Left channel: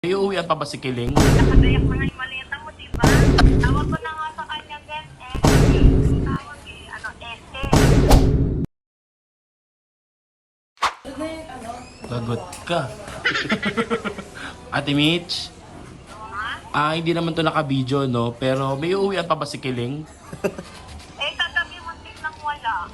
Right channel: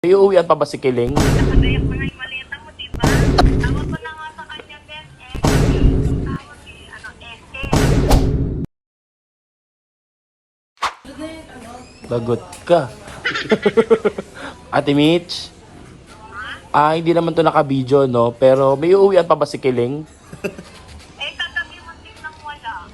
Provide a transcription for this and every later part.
May uuwian pa ba si Kiling? Nakadayak na nga yung maleta mo, diba? Tawag ko na nga sa kanya, Ben. Tawag SK. Lagot ka. Ate Mitch? Hindi naman to naka-video, no? Pero may uuwian pa ba si Kiling? Kagabi muntik nang wala.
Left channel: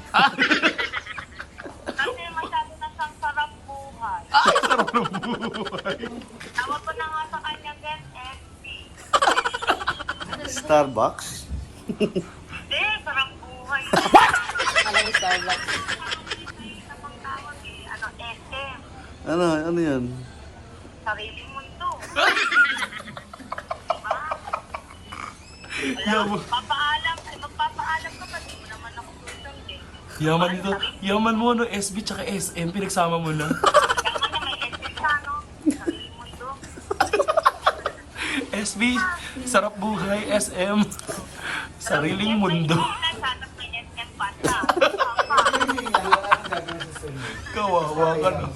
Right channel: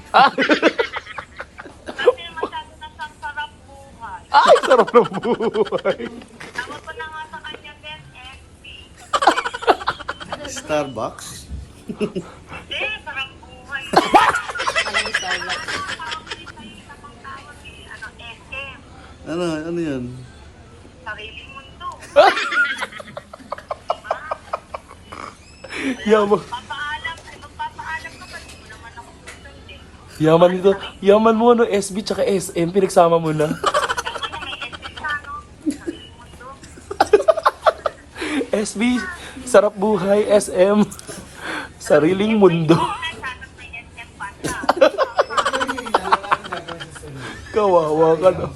Kasi masyado na siyang sarap buhay. Ay, sarap ng buhay. Tawag ko na nga sa kanya, Ben. SK. Starbucks? Hindi, sarap buhay. Alam Starbucks. Isa pang tawag SM. Ano yan? Sariling mundo. Yaman. Magpapaalam ka pa, di mo naman ako susundin. Yaman nito. Yaman mo, no? SB tsaka SM. Pinagsama mo na. Kaya na may SM ka, no? Sariling mundo. SB, sarap buhay. SM, sariling mundo. Sana may SM pa na. Kawawa ka, no?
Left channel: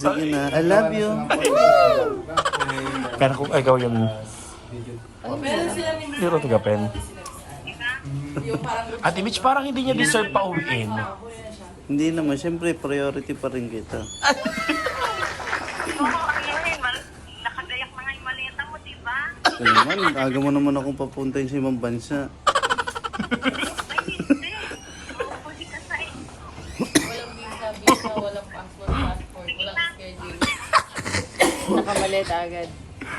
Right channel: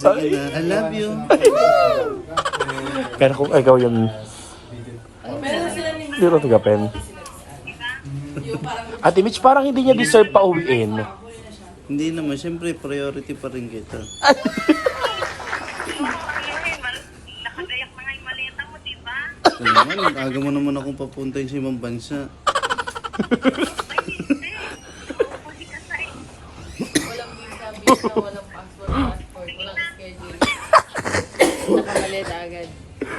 Sige na. I love you. Pero kung ikaw yung... Puro tiga pen. Ate Mitch, parang hindi niya deserve pa uwiin. Hindi naman. Siyempre, priority pa rin kita. Nakadayak na nga yung maleta mo, di ba? Ito naman, aga mo naman akong papuntahin sa ibang bansa. Ay, hindi. Uuwi ka sa Walang visa, walang passport, walang schedule. Nakamaleta agad.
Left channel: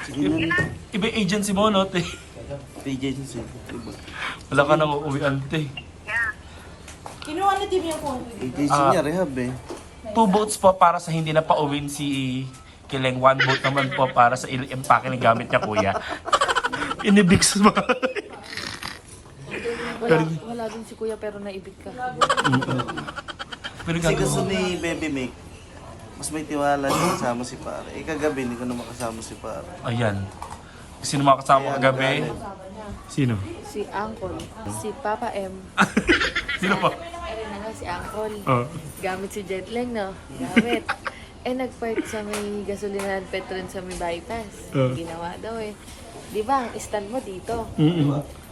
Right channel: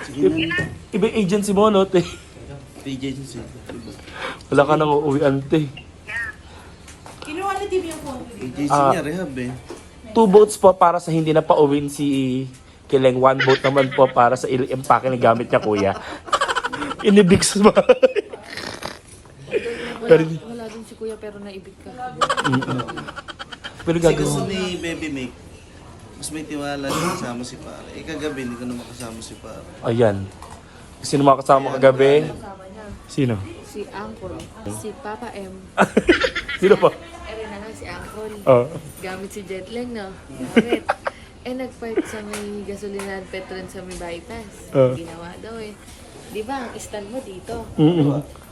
Sige na. Iba yung agency mo, no, te? Agency. Diba? Wala ka nang uuwian, te. Kinuha na din yung phone. Agency niya, rehab eh. 2 votes po para sa hindi na pa-uwin si Kiling. 1 vote naman po para sa il-empake na gamit niya, kuya. Inibig sa bahay. Wala din si kuya pero naibig ka. Pero Kasi gagawin gusto mo. ni Baby Mick, mas may tiwala siya kasama si pare. Kagabi, hindi ko na makasama si pare. Ayan. Sino makasama Kaya kagabi? nagalit. Sino? Si Uncle, si Papa M. Sino pa? Ano naman si Uncle. Oh. Gamit si Jetlag, no? Gamit. Nag-park sa may gasolinahan Petron sa may bypass. Ginawa daw eh. Di ba, ang stand mo dito?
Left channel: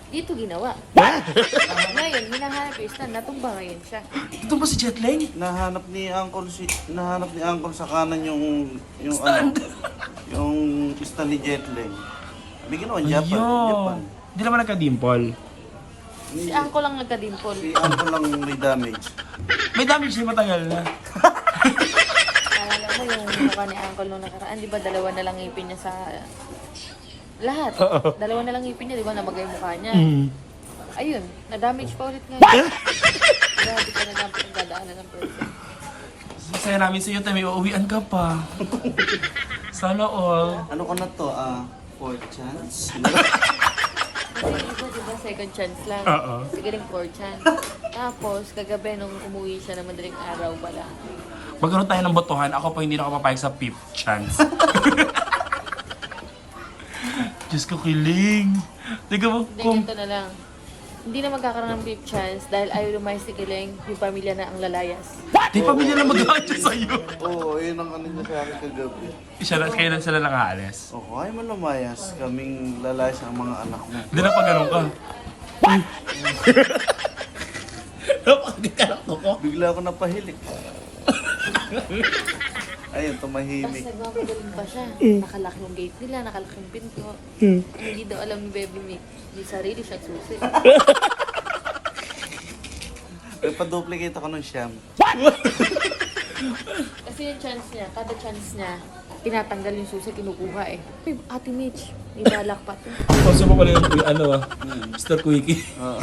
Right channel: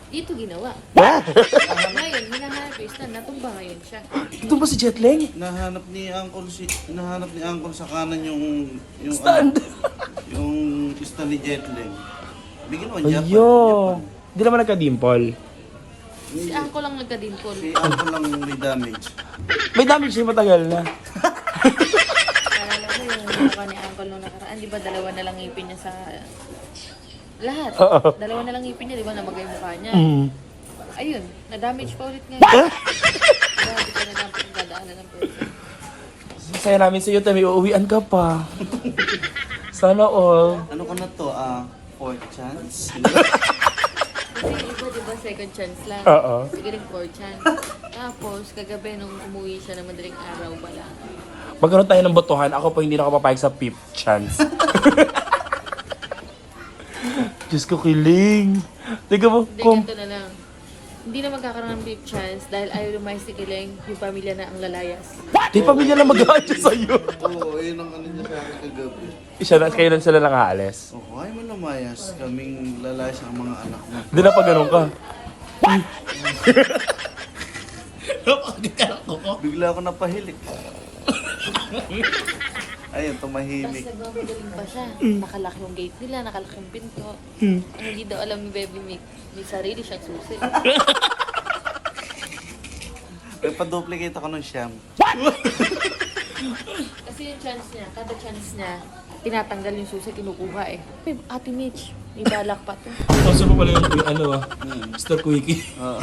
Dito ginawa. Ngayon, hinahanap yung stand. Natumba ngayon siya. Ito ba si Jetlang? Nahanap ni Uncle sa kanan yung yung stand ni Jetling. Bigyan naman Japan. Ayun. Hindi naman nagka-dimple. Si Uncle lang nagka-dimple. Si Uncle lang may damage. May damage siya matagal na. Alam mo yung mukha ni Uncle nung nakaraan, di ba dalawa na lang ngipin niya sa... Lahat. Oo. Dalawa na lang ngipin niya, di ba namagay yung mukha niya. Ayun, na-damage pa ulit ngayon. Grabe ka na-damage yung dadaanan ng person. Masaya namin sa iyo, Tami. Uuwian ka pa. Sana all. Ano ko na to? Fourth chance? Diba second chance lang? Oo. Sige rin fourth chance. Tapos, kagabi nung umuwi siya na madaling araw pala. Magkaroon tayo ng botohan. Ako po hindi na ako papayag sa 5th chance. Diyos ko, Kiling. Tiga mo, Ganito na lang. Hindi na magkakaroon ng fifth chance dahil ayaw lumayas si Kiling, yung pamilya na ang lalayas. Di pamilya lang mag-aayos sa'yo. Oo, yun ang ano niya sa akin kagabi. Isa na, kayo lang sila lang aalis. Oo, ay mo lumayas. Kaming lalayas ang mga anak mo. Hindi na pa ganun ka. Napakaganda ko. Bigla ako napahilik. Ayun, tumahimik. Kasi gagawin pa siya. Nakalak yung gate nila, nakalak yung pinto. Ang hindi daw alam ni Baby Mick, may sarili siyang susi. Nagpa-duplicate ako ng siyam. Kasi yung chance niya, kada chance niya, tinatanggal yung susi, kinukuha eh. Ay, Ate Mitch, may balak pa to. Kaso mo pala yung ano Mr. Quickie. Oo.